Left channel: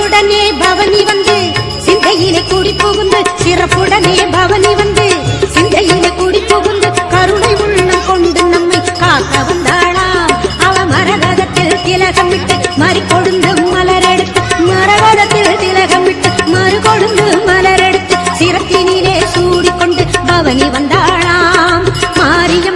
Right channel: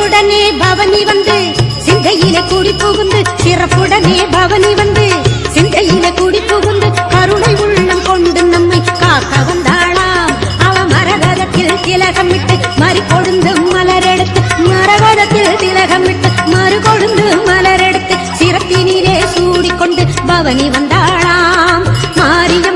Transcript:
சிறப்புடனே பவனி வந்து சிந்தையிலே கூடி புகுந்து சிறப்புடனே பவனி வந்து சிந்தையிலே கூடி புகுந்து கருணை உள்ளம் கொண்டு நம்மை காக்க வந்தாளாம். அவ மரகதத்தில் திலகமிட்டு மறி கொழுந்து மலரெடுத்து மரகதத்தில் திலகமிட்டு மறு கொழுந்து மலரெடுத்து சிரத்தினிலே சூடிக்கொண்டு பவனி வந்தாளாம். மாறிய